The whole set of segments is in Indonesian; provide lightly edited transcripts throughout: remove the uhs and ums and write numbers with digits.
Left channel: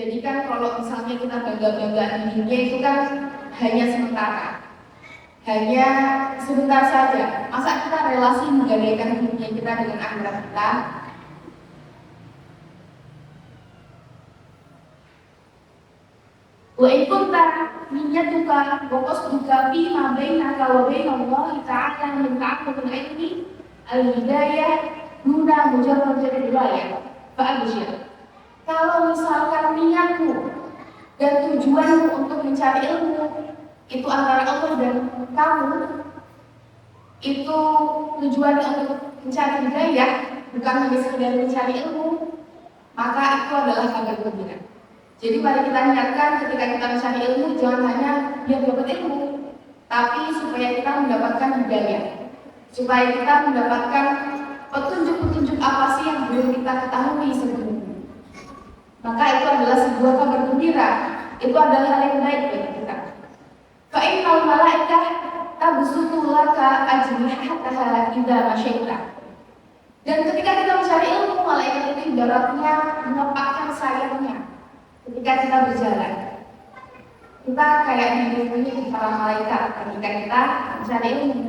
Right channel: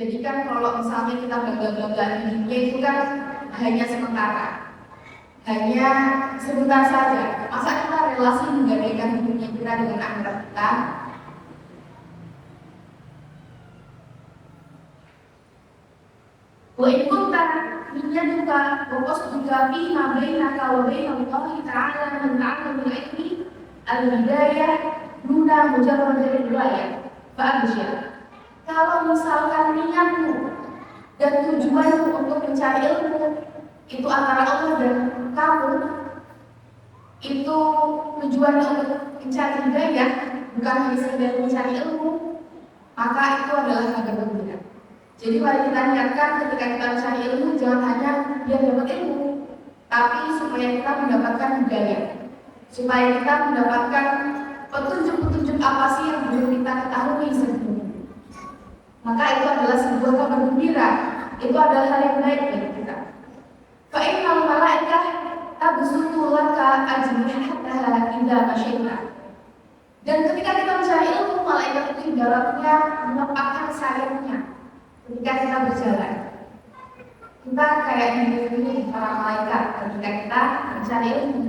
Jadi kan kalau misalnya kita bangga-banggaan di dunia itu kan hanya sementara, hanya sebentar saja. Masa kita relasi menggadaikan dunia kita dengan akhirat kita? Wa in kunta niyyatuka wa qasduka fi ma bainaka wa baina Allah ta'ala min ta'aqqubul ilmi al-hidayah duna mujarrad riwayah fa abshir. Kalau misalkan niatmu dan tujuanmu untuk mencari ilmu itu antara Allah dan kamu, itu tujuannya untuk mencari hidayah, bukan hanya sekedar mencari ilmu, maka itu adalah kabar gembira. Jadi mari kita niatkan ketika kita mencari ilmu, jangan hanya biar dapat ilmu, tapi supaya kita mendapatkan hidayah, supaya kita mendapatkan petunjuk-petunjuk apa sih yang belum kita ketahui sebelumnya. Maka itu adalah sebuah kabar gembira, itu adalah hal yang baik bagi kita. Fa'innal malaikah tabsutu laka ajnihataha idza masyaita. Dan ketika kita mencari ilmu, malaikat itu ibaratnya menepakkan sayapnya ketika kita berjalan. Kita kayak dilindungi para malaikat ketika kita mencari ilmu.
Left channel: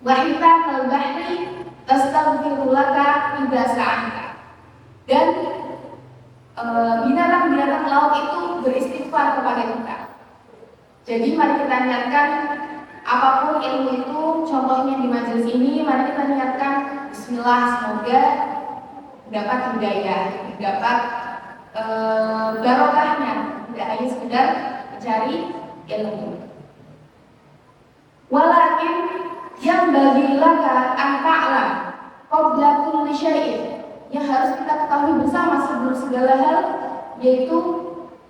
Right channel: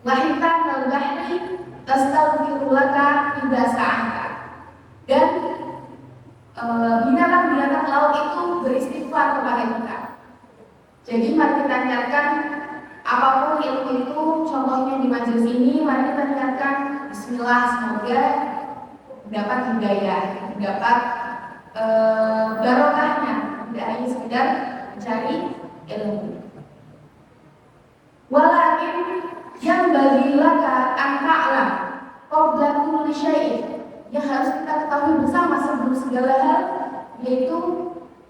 Wa hitta kal bahri tastaghfiru laka idza sa'anta. Dan binatang-binatang laut itu beristighfar kepada kita. Jadi mari kita niatkan apapun ilmu itu, contohnya di majelis ini, mari kita niatkan bismillah, semoga dapat hidayah, dapat barokahnya, tidak hanya sekedar mencari ilmu. Walakin yang bagi laka an ta'lam qabla kulli syai'in, yang harus kita ketahui bersama sebelum segala hal, yaitu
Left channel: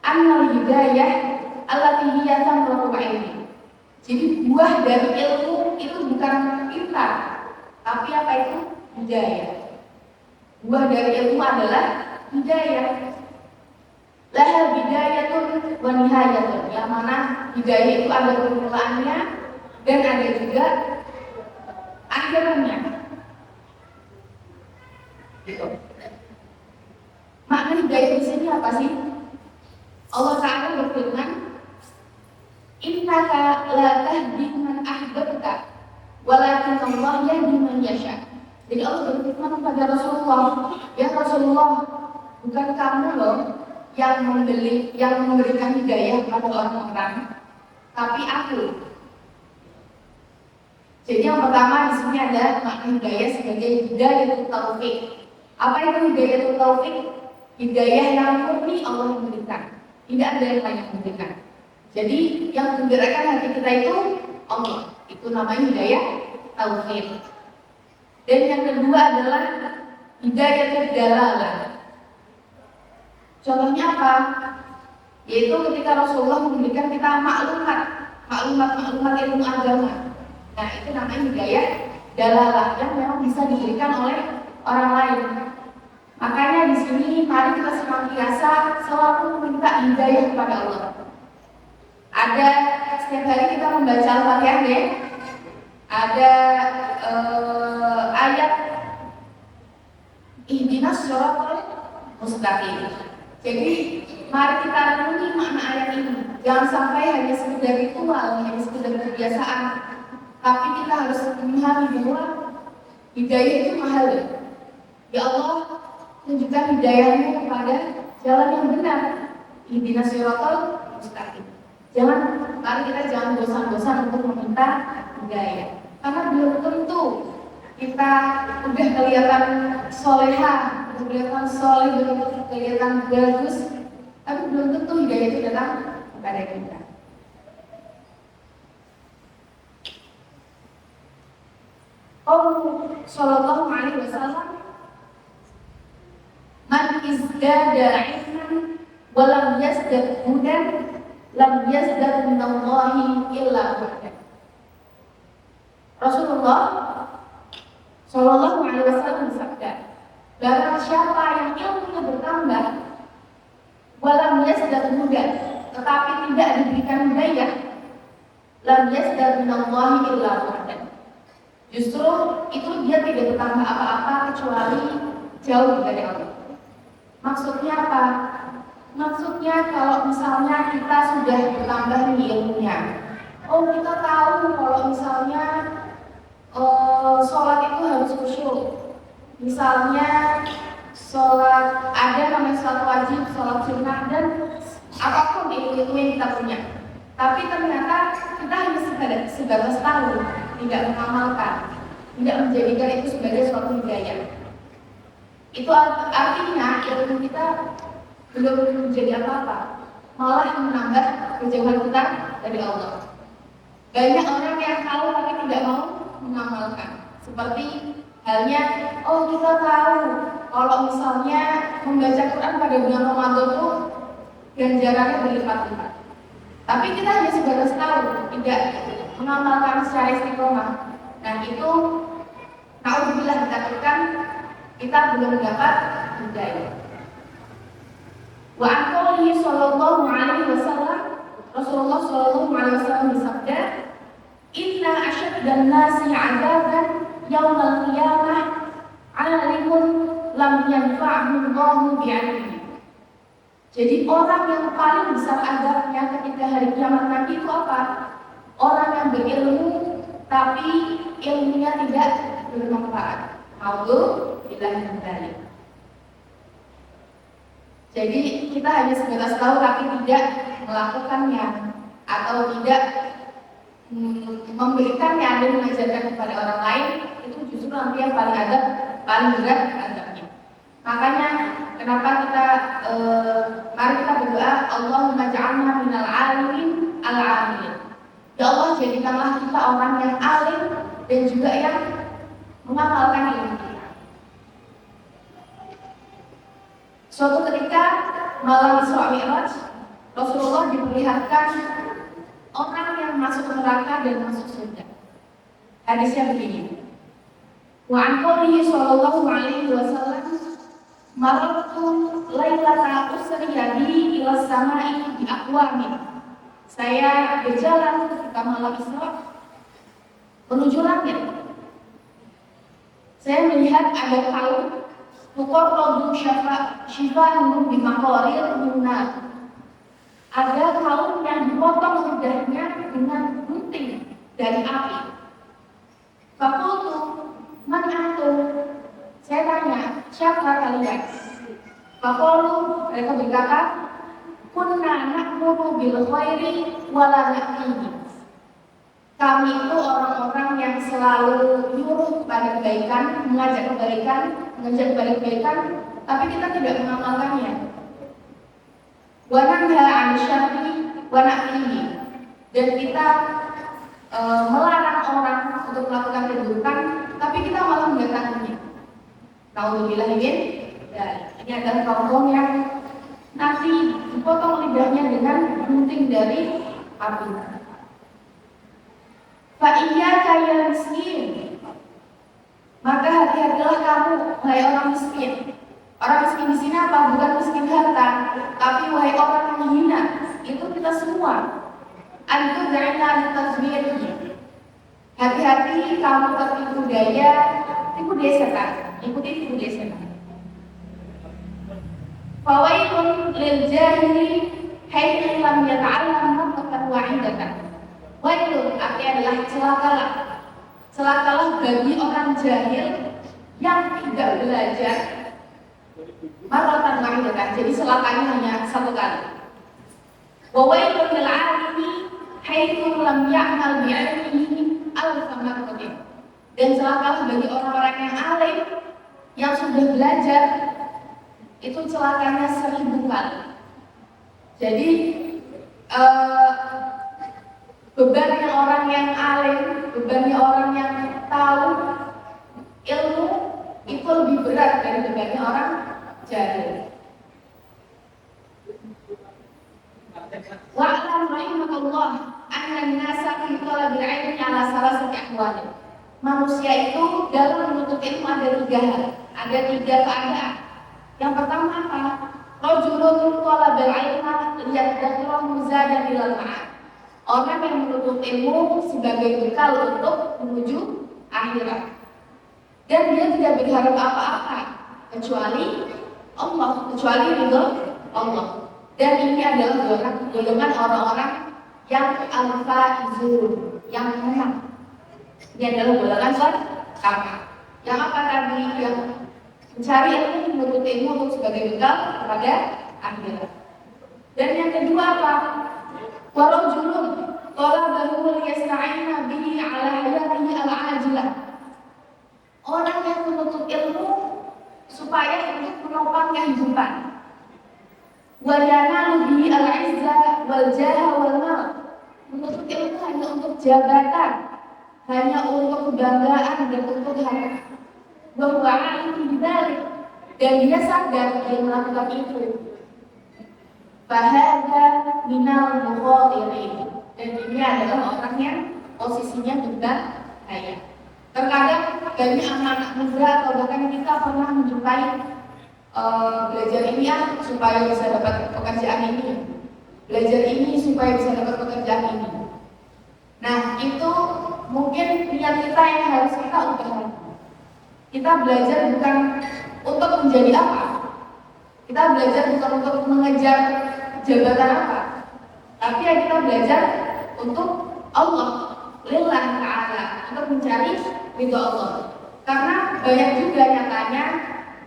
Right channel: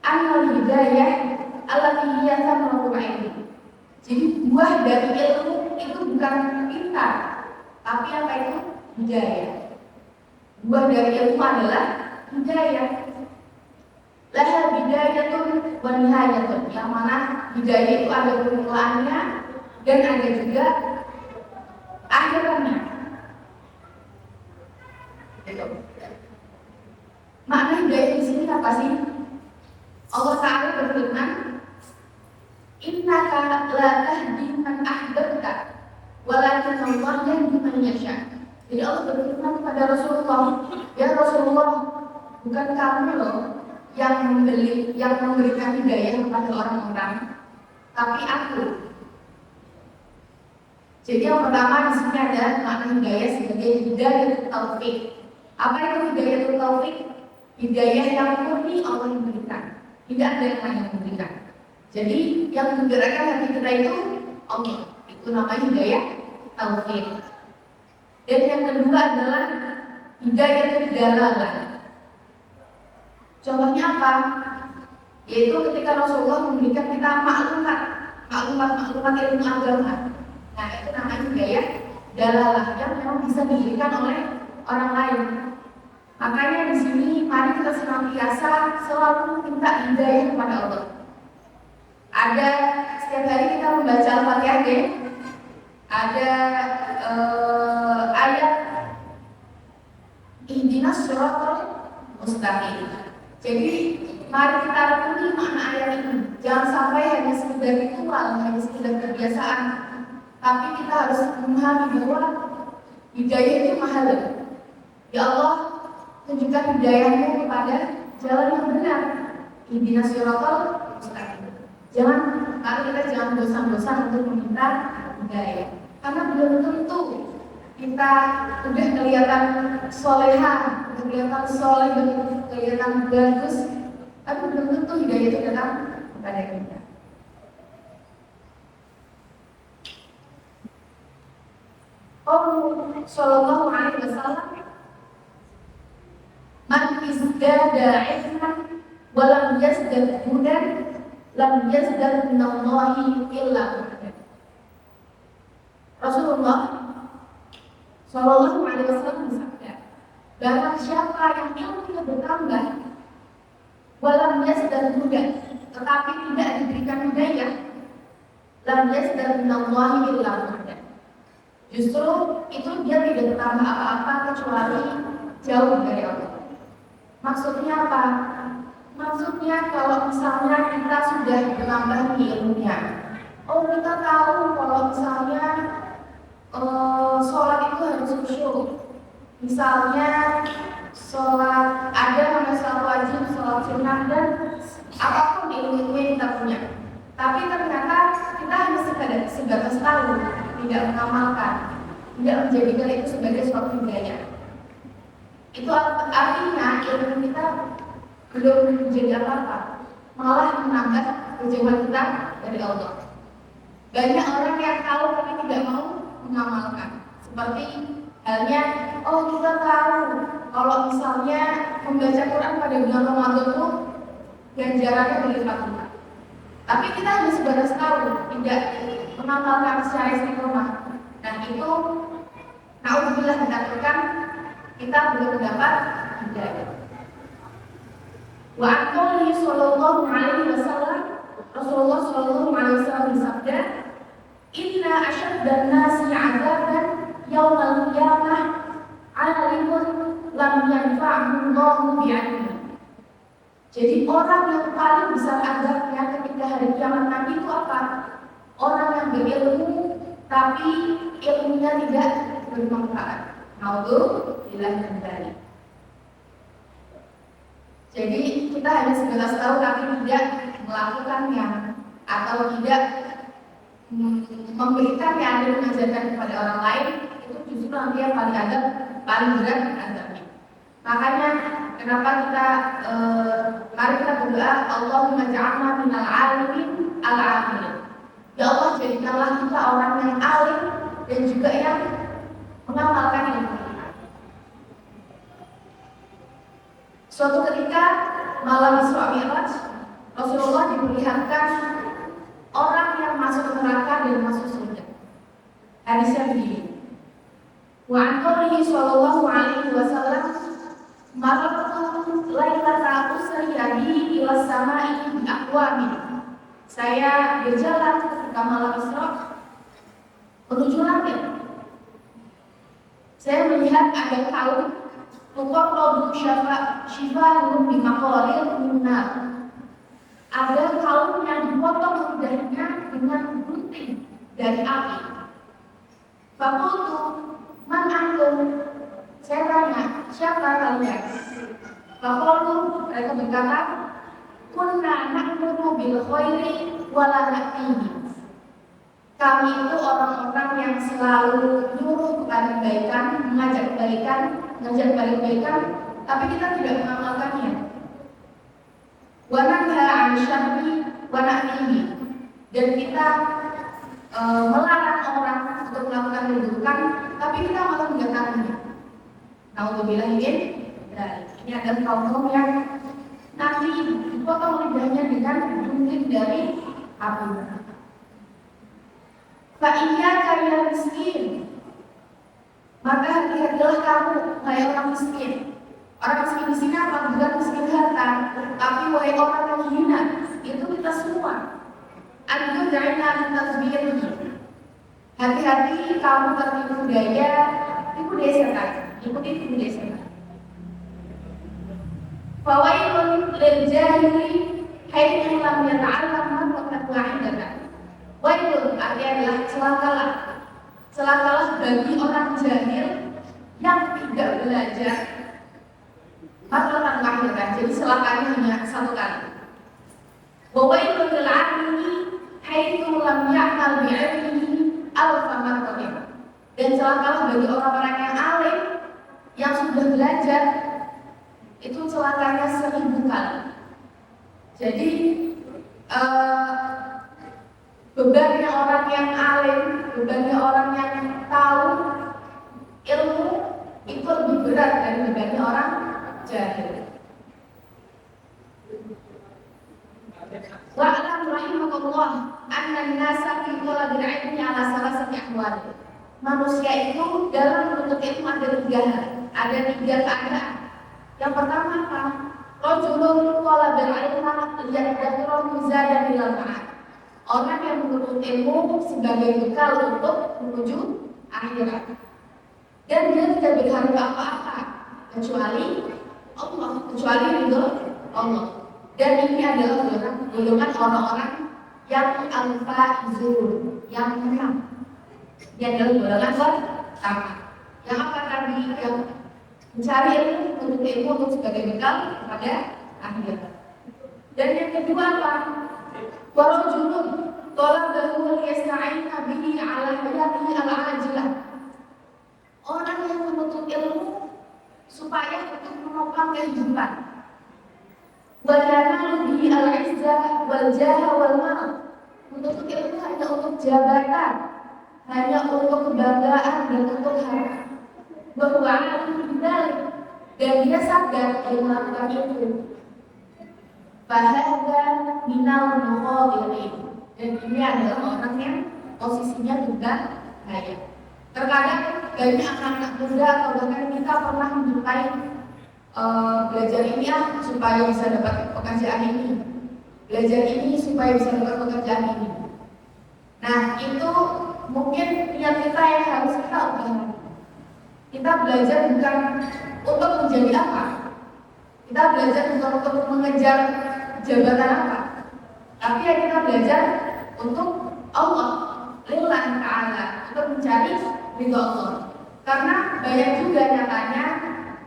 annal hidayah allati hiya thamratul ilmi. Jadi buah dari ilmu itu bukan pintar, tapi apa itu? Hidayah. Buah dari ilmu adalah hidayah. Laha bidayatun wa nihayatun, yang mana hidayah itu ada permulaannya dan ada juga akhirnya. Gitu. Makna hidayah di sini apa sih? Allah Ta'ala berfirman, innaka la tahdi man ahbabta walakin Allah yahdi man yasha. Jadi Allah berfirman kepada Rasulullah, ya Rasulullah, bukan kamu loh yang memberikan hidayah kepada orang-orang, tapi aku. Jadi yang pertama di sini ada makna hidayah sebagai hidayah taufik. Apa itu hidayah taufik? Hidayah yang murni Allah yang memberikan, tidak ada yang lain yang memberikan. Jadi yang menggerakkan hati kita itu Allah, itu namanya hidayah taufik. Dan yang kedua adalah hidayah dalalah. Contohnya apa? Yaitu ketika Rasulullah memberikan kita maklumat ilmu agama. Nah, itu namanya hidayah dalalah yang memang bisa diberikan oleh orang lain. Makanya di sini mari kita senantiasa selalu minta hidayah kepada Allah. Ada setiap hari kita membaca Al-Fatihah deh. Ada ayat ihdinas shiratal mustaqim. Jadi mari kita renungi makna ayat ini. Jangan sampai hanya sekedar ritual, hanya sekedar kebiasaan, tapi kita harus memahami bahwa hidayah itu mahal. Ya Allah, tunjukkan hidayahmu kepada jalan yang benar. Ihdinas shiratal mustaqim. Mari kita jangan bosan-bosan untuk meminta hidayah. Karena belum tentu kita udah kelihatan soleha, kelihatan soleh, kelihatan bagus, tapi belum tentu hidayah itu datang kepada kita. Qaul sallallahu alaihi wasallam, man izdada ilman wa lam yazdad hudan lam yazdad minallahi illa hudan. Rasulullah sallallahu alaihi wasallam bersabda, barang siapa yang ilmunya bertambah walam yazdad hudan, tetapi tidak diberikan hidayah, lam yazdad minallahi illa hudan. Justru itu dia tidak bertambah apa-apa kecuali jauh dari Allah. Maksudnya apa? Maksudnya kalau misalnya kita sudah bertambah nih ilmunya, oh kita tahu kalau misalnya sholat itu harus khusyuk. Misalnya sholat ada namanya sholat wajib, sholat sunnah dan apapun ilmu yang kita punya. Tapi ternyata kita hanya sebatas tahu, tidak mengamalkan, tidak menjadikan itu sebagai suatu hidayah. Itu artinya ilmu kita belum menjadi apa-apa, malah menambah kejauhan kita dari Allah. Banyak orang yang tahu tapi tidak mau mengamalkan. Seperti halnya, oh kita tahu kalau misalnya membaca Quran pada bulan Ramadan itu ganjarannya berlipat-lipat. Tapi kita hanya sebatas tahu, tidak mengamalkan secara istiqomah. Dan itu, naudzubillah dikatakan kita belum mendapat hidayah. Wa aqalihi sallallahu alaihi wasallam, Rasulullah sallallahu alaihi wasallam bersabda, "Inna asyaddan nasi 'adaban yaumal qiyamah 'alimun lam yanfa'hu Allahu bi'ilmihi." Jadi orang yang paling besar azabnya ketika hari kiamat nanti itu apa? Orang yang berilmu tapi ilmunya tidak bermanfaat. Naudzubillah min dzalik. Jadi kita hanya sebatas tahu tapi tidak melakukannya atau tidak memberikannya dan mengajarkan kepada orang lain, itu justru nanti yang paling berat azabnya. Makanya kenapa kita mari kita berdoa, Allahumma ja'alna minal alimin al-amilin. Ya Allah, jadikanlah kita orang yang alim dan juga yang mengamalkan ilmu kita. Suatu ketika malam Isra Mi'raj, Rasulullah diperlihatkan orang yang masuk neraka dan masuk surga. Hadisnya begini. Wa an qawlihi sallallahu alaihi wasallam, maratu lailata usriya bi ila samai bi aqwamin. Saya berjalan ketika malam Isra menuju langit. Saya melihat ada kaum tuqarradu syifa'un bi maqaril minnar. Ada kaum yang dipotong lidahnya dengan gunting dari api. Faqultu man antum? Saya tanya, siapa kalian? Faqalu, mereka berkata, kunna na'muru bil khairi wa la na'tihi. Kami itu orang-orang yang selalu nyuruh kepada kebaikan, mengajak kepada kebaikan, tapi kita tidak mengamalkannya. Wa nanha 'anil syarri wa na'tihi. Dan kita melarang orang untuk melakukan keburukan, tapi kita malah mendatanginya. Naudzubillah min dzalik. Ini adalah kaum yang nanti dipotong lidahnya dengan gunting dari api. Fa iyyaka ya miskin. Maka hati-hatilah kamu, wahai orang miskin. Orang miskin di sini apa? Bukan miskin harta, tapi wahai orang yang hina. Itu kita semua. Adu da'ina litasbihih. Hati-hati kamu tertipu daya, tipu daya setan. Ikuti tipu daya setan. Fawailun lil jahili haitsu lam yata'allam marratan wahidatan. Wailun artinya adalah celakalah bagi orang jahil yang tidak belajar marratan wahidatan. Jadi celakanya hanya satu kali. Wailun lil 'alimi haitsu lam ya'mal bi'ilmihi alfa marratin. Dan celakalah bagi orang-orang yang alim yang sudah belajar, itu celakanya 1000 kali. Jadi bebannya orang yang alim, bebannya orang yang tahu ilmu itu lebih berat dari bebannya orang jahil. Wa'lam rahimakallah anna an-nasa fi talabil 'ilmi 'ala salasati ahwal. Manusia itu dalam menuntut ilmu ada 3 hal, ada 3 keadaan. Yang pertama apa? Rajulun talabal ilma yadhkuru zadan ilal ma'ad. Orang yang menuntut ilmu sebagai bekal untuk menuju akhirat. Dan dia tidak berharap apa-apa kecuali Allah, kecuali ridho Allah. Dan ini adalah golongan orang-orang yang al-faizun, yang menang. Ini adalah golongan pertama. Yang apa tadi? Yang mencari ilmu, menuntut ilmu untuk sebagai bekal kepada akhirat. Dan yang kedua apa? Warajulun talabahu liyasta'ina bihi ala hayatihi al-ajilah. Orang yang menuntut ilmu supaya untuk menopang kehidupan. Wa yanalu bihi al-'izzah wal jaha wal mal. Menuntut ilmu hanya untuk jabatan, hanya untuk kebanggaan dan untuk harta. Bahwa alim bidalik, dan dia sadar dia melakukan itu. Fahadha minal mukhadirin, dan ini adalah orang yang posisinya berbahaya. Terkadang banyak anak-anak muda atau bahkan kita pernah menjumpai belajar ini supaya bisa dapat pekerjaan ini, belajar ini supaya bisa dapat pekerjaan ini. Nah, itu mungkin niat kita yang harus kita ubah. Kita belajar bukan untuk menjadi apa, kita belajar bukan untuk mengejar jabatan apa, tapi ya kita belajar untuk Allah, lillahi ta'ala, untuk mencari ridho Allah. Karena banyak juga nyatanya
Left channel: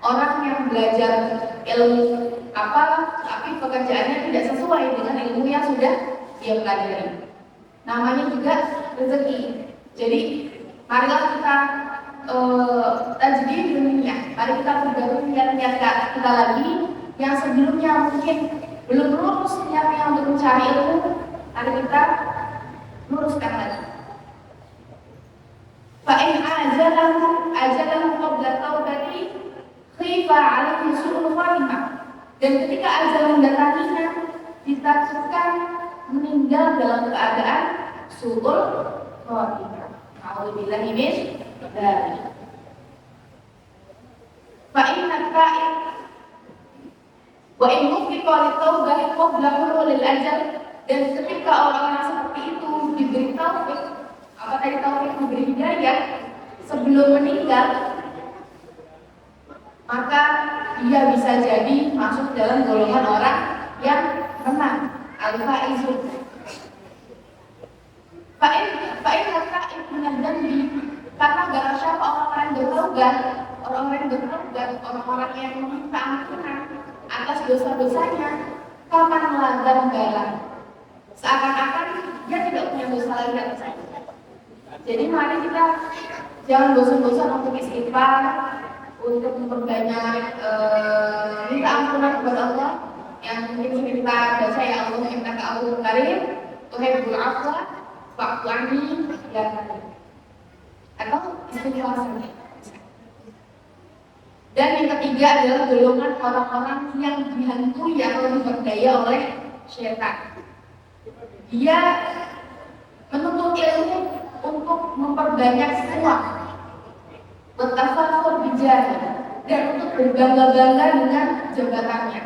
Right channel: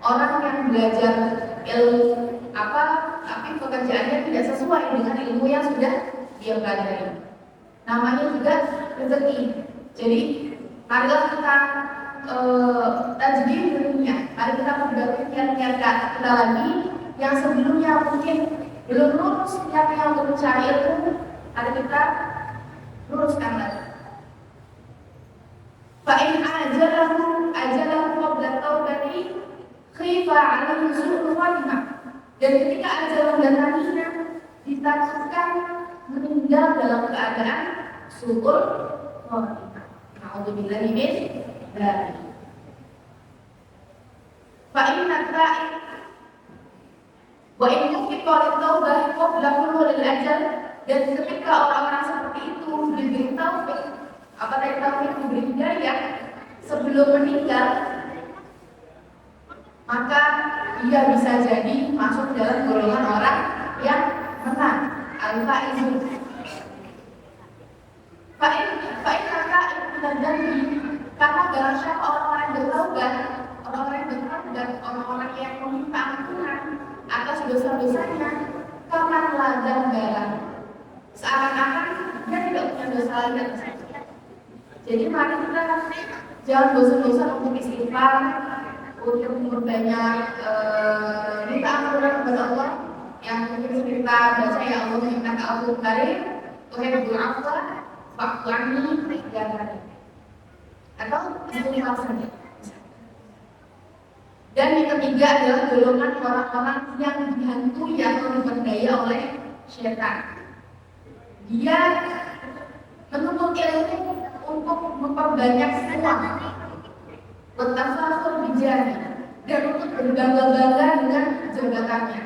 orang yang belajar ilmu apa, tapi pekerjaannya tidak sesuai dengan ilmu yang sudah dia pelajari. Namanya juga rezeki. Jadi marilah kita tajdid dunia. Mari kita perbarui niat-niat kita lagi yang sebelumnya mungkin belum lurus niatnya untuk mencari ilmu. Mari kita luruskan lagi. Fa in ajalahu qabla taubati khifa 'alaihi su'ul khatimah. Dan ketika ajal mendatanginya, ditakutkan meninggal dalam keadaan su'ul khatimah. A'udzubillahi min dzalik. Fa inna ta'ib wa in mufiqa lit-taubah qabla hulul ajal. Dan ketika orang-orang seperti itu diberi taufik, apa tadi taufik, diberi hidayah sebelum meninggal, maka dia bisa jadi masuk dalam golongan orang yang menang, al-faizun. Fa'in ta'ib minal dzambi, karena barang siapa orang-orang yang bertaubat, orang-orang yang meminta ampunan atas dosa-dosanya, kapan melanggar balang, seakan-akan dia tidak punya dosa lagi atasnya. Jadi mari kita jangan bosan-bosan untuk istighfar, untuk memperbanyak minta ampunan kepada Allah. Yang mungkin kita baca, ya Allah innaka afuwwun karim tuhibbul afwa fa'fu anni ya karim, atau istighfar saja. Dan yang ketiga adalah golongan orang-orang yang dihantui atau diperdaya oleh syaitan. Dia menuntut ilmu untuk memperbanyak uang, bertafakur bijari, dan untuk berbangga-bangga dengan jabatannya.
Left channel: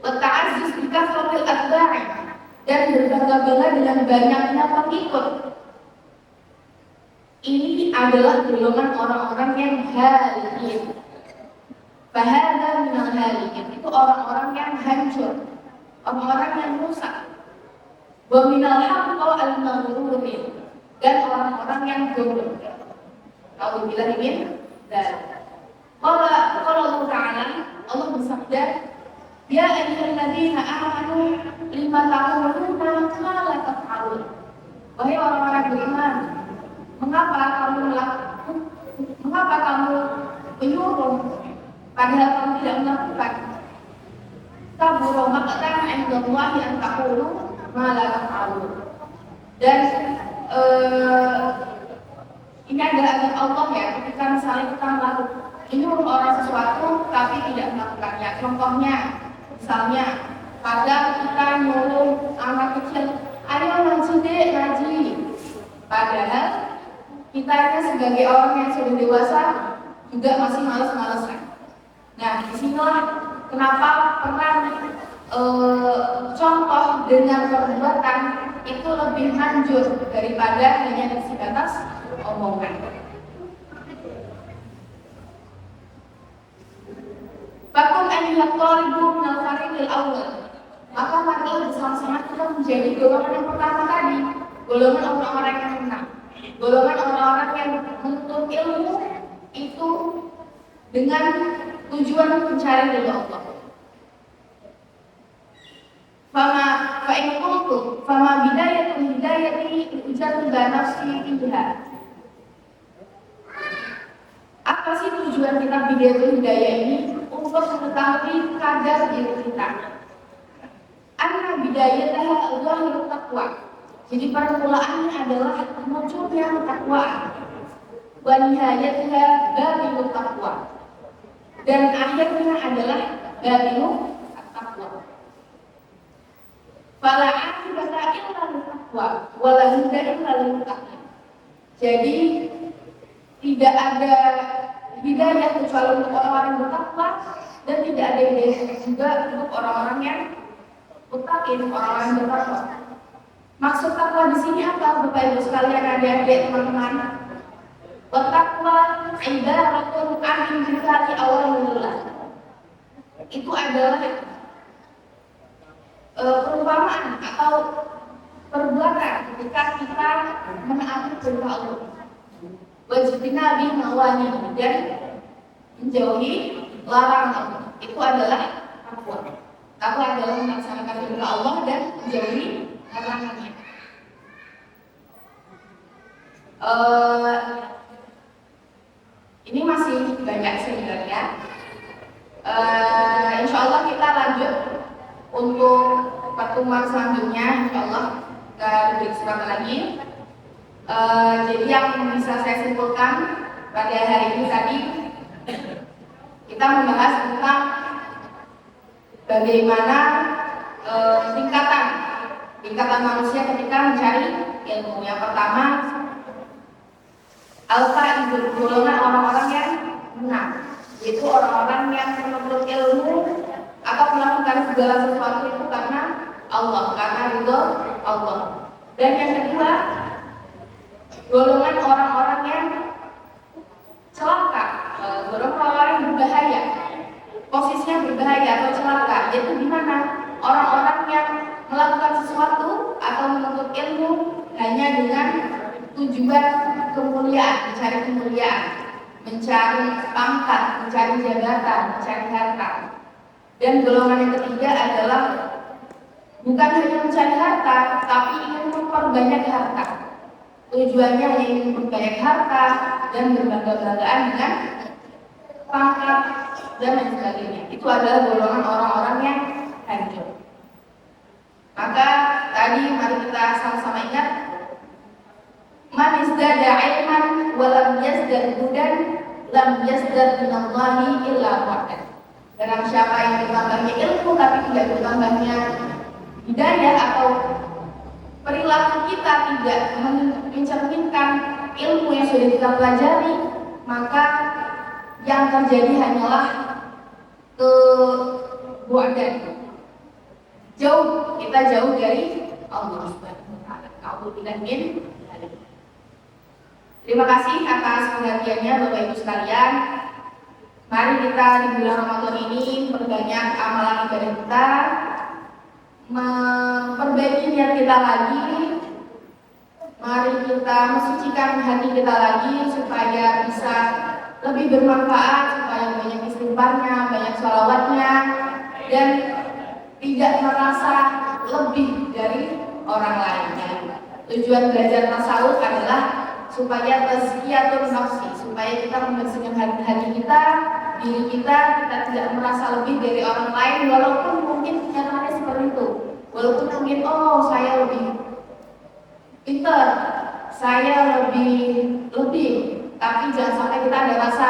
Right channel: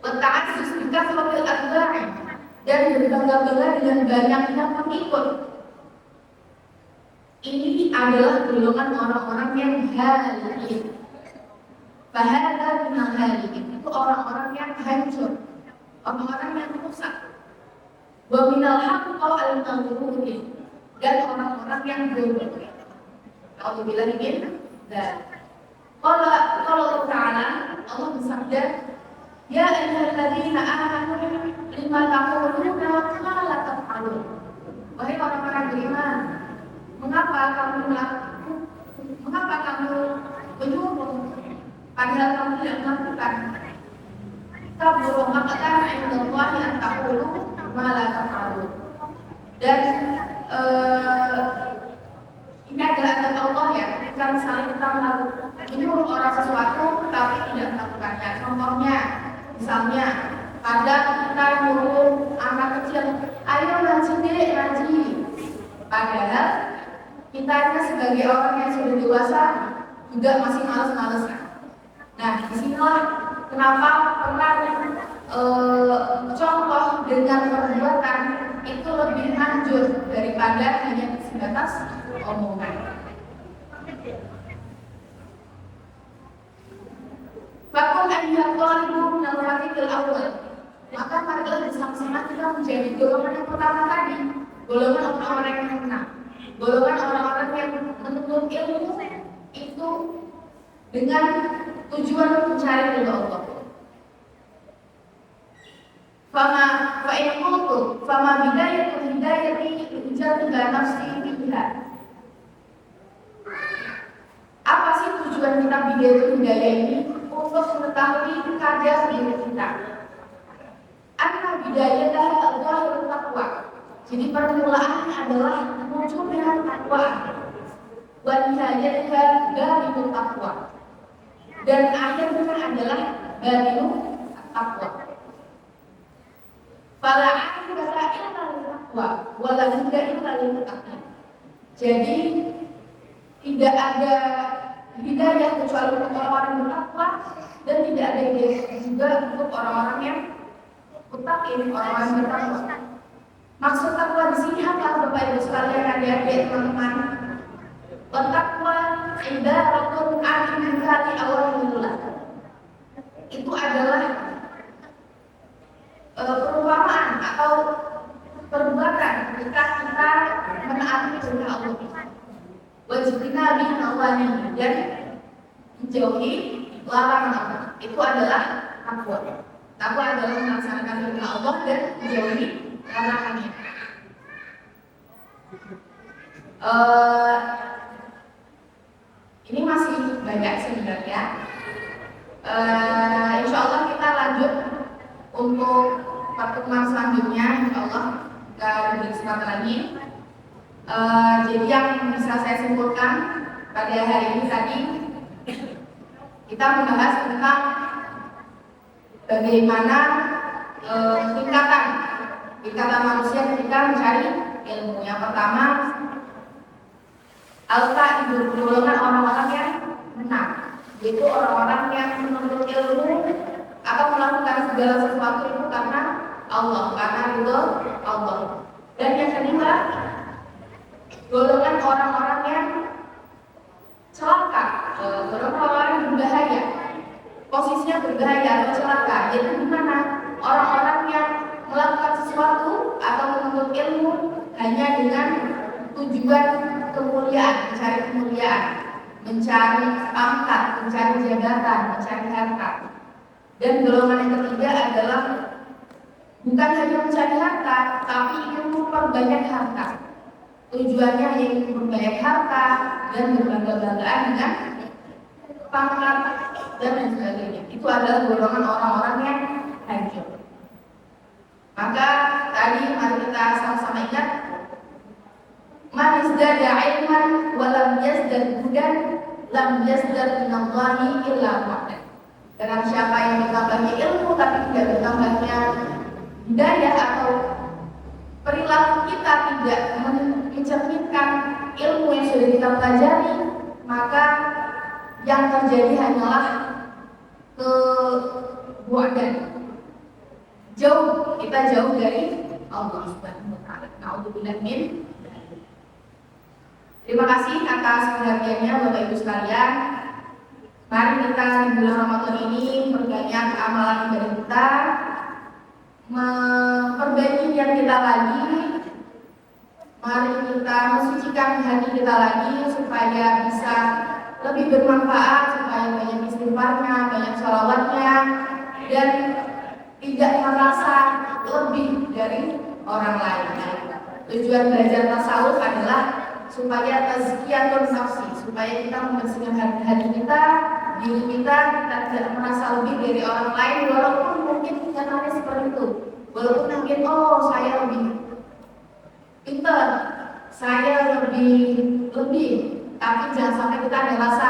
Berta'azzuz bikasratil atba'i, dan berbangga-bangga dengan banyaknya pengikut. Ini adalah golongan orang-orang yang halikin. Bahada minal halikin, itu orang-orang yang hancur, orang-orang yang rusak. Wa minal haqqa al-maghrurin, dan orang-orang yang bodoh. A'udzubillahi min dzalik. Qala Allah Ta'ala, Allah bersabda, ya ayyuhalladzina amanu lima taquluna ma la taf'alun. Wahai orang-orang beriman, mengapa kamu menyuruh padahal kamu tidak melakukan? Kabura maqtan 'indallahi an taqulu ma la taf'alun. Dan ini adalah adab Allah ya, ketika misalnya kita menyuruh orang sesuatu tapi tidak melakukannya. Contohnya, misalnya pada kita nyuruh anak kecil, ayo ngaji dek, ngaji. Padahal kita sebagai orang yang sudah dewasa juga masih malas-malasan. Nah, disinilah kenapa peran contoh dengan perbuatan itu lebih manjur daripada hanya sebatas omongan. Fakun ayyuhat thalibun minal fariqil awwal. Maka marilah bersama-sama kita menjadi golongan yang pertama tadi, golongan orang-orang yang menang, golongan orang-orang yang menuntut ilmu itu dengan tujuan mencari ridho Allah. Fama bidayatul hidayati ujatu ila nafsi biha. Apa sih tujuan kita bidayatul hidayah ini? Untuk mengetahui kadar diri kita. Anna bidayataha al-zahirut taqwa. Jadi permulaannya adalah munculnya takwa. Wa nihayatuha batinut taqwa. Dan akhirnya adalah batinut taqwa. Fala aqibata illa lit-taqwa wa la hudda illa lil-muttaqin. Jadi tidak ada hidayah kecuali untuk orang-orang yang bertakwa, dan tidak ada hidayah juga untuk orang-orang yang muttaqin, orang-orang yang bertakwa. Maksud takwa di sini apa, Bapak Ibu sekalian, adik-adik, teman-teman? Bertakwa ibaratun amin billahi awalillah. Itu adalah perumpamaan atau perbuatan ketika kita menaati perintah Allah. Wajibina bin nawani, dan menjauhi larangan Allah. Itu adalah takwa. Takwa adalah melaksanakan perintah Allah dan menjauhi larangannya. Ini masih banyak sebenarnya. Insya Allah kita lanjut untuk pertemuan selanjutnya. Insya Allah kita diberi kesempatan lagi. Jadi yang bisa saya simpulkan pada hari ini tadi, kita membahas tentang bagaimana tingkatan manusia ketika mencari ilmu. Yang pertama, al-qaidul, golongan orang-orang yang menang, yaitu orang-orang yang menuntut ilmu atau melakukan segala sesuatu itu karena Allah, karena ridho Allah. Dan yang kedua, golongan orang-orang yang celaka, golongan orang yang berbahaya, posisinya berbahaya atau celaka, yaitu di mana orang-orang yang melakukan sesuatu atau menuntut ilmu hanya dengan tujuan kemuliaan, mencari kemuliaan, mencari pangkat, mencari jabatan, mencari harta. Dan golongan yang ketiga adalah bukan hanya mencari harta, tapi ingin memperbanyak harta. Tujuannya ingin memperbanyak harta dan berbangga-banggaan dengan pangkat dan lain sebagainya. Itu adalah golongan orang-orang yang hancur. Maka tadi mari kita sama-sama ingat, man izdada ilman wa lam yazdad hudan lam yazdad minallahi illa wahdan. Dengan siapa yang bertambahnya ilmu tapi tidak bertambahnya hidayah, atau perilaku kita tidak mencerminkan ilmu yang sudah kita pelajari, maka yang terjadi hanyalah kebuadan. Kita jauh dari Allah Subhanahu wa taala. A'udzubillahi min dzalik. Terima kasih atas perhatiannya Bapak Ibu sekalian. Mari kita di bulan Ramadan ini perbanyak amalan ibadah kita, memperbaiki niat kita lagi. Mari kita mensucikan hati kita lagi supaya bisa lebih bermanfaat, supaya banyak istighfarnya, banyak sholawatnya, dan tidak merasa lebih dari orang lain. Tujuan belajar tasawuf adalah supaya tazkiyatun nafsi, supaya kita membersihkan hati kita, diri kita tidak merasa lebih dari orang lain, walaupun mungkin kenyataannya seperti itu. Walaupun mungkin saya lebih pintar, saya lebih, tapi jangan sampai kita ada rasa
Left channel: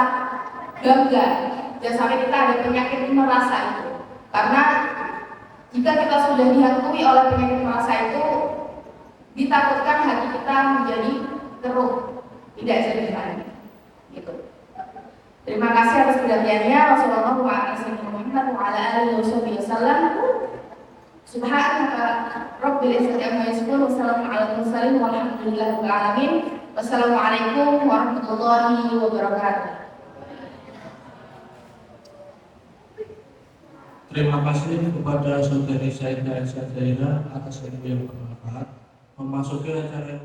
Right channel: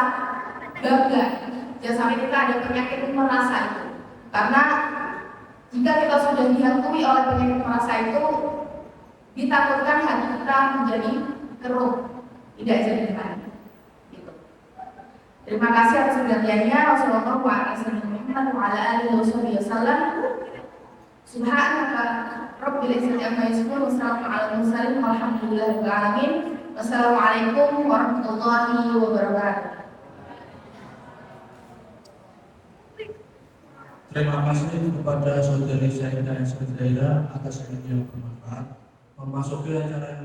bangga, jangan sampai kita ada penyakit merasa itu. Karena jika kita sudah dihantui oleh penyakit merasa itu, ditakutkan hati kita menjadi keruh, tidak jernih lagi. Gitu. Terima kasih atas perhatiannya. Wassalamualaikum warahmatullahi wabarakatuh. Subhanaka rabbil izzati amma yasifun, wassalamu ala mursalin walhamdulillahi rabbil alamin. Wassalamualaikum warahmatullahi wabarakatuh. Terima kasih kepada saudari Saida Zaira atas ilmu yang bermanfaat. Memasuki acara yang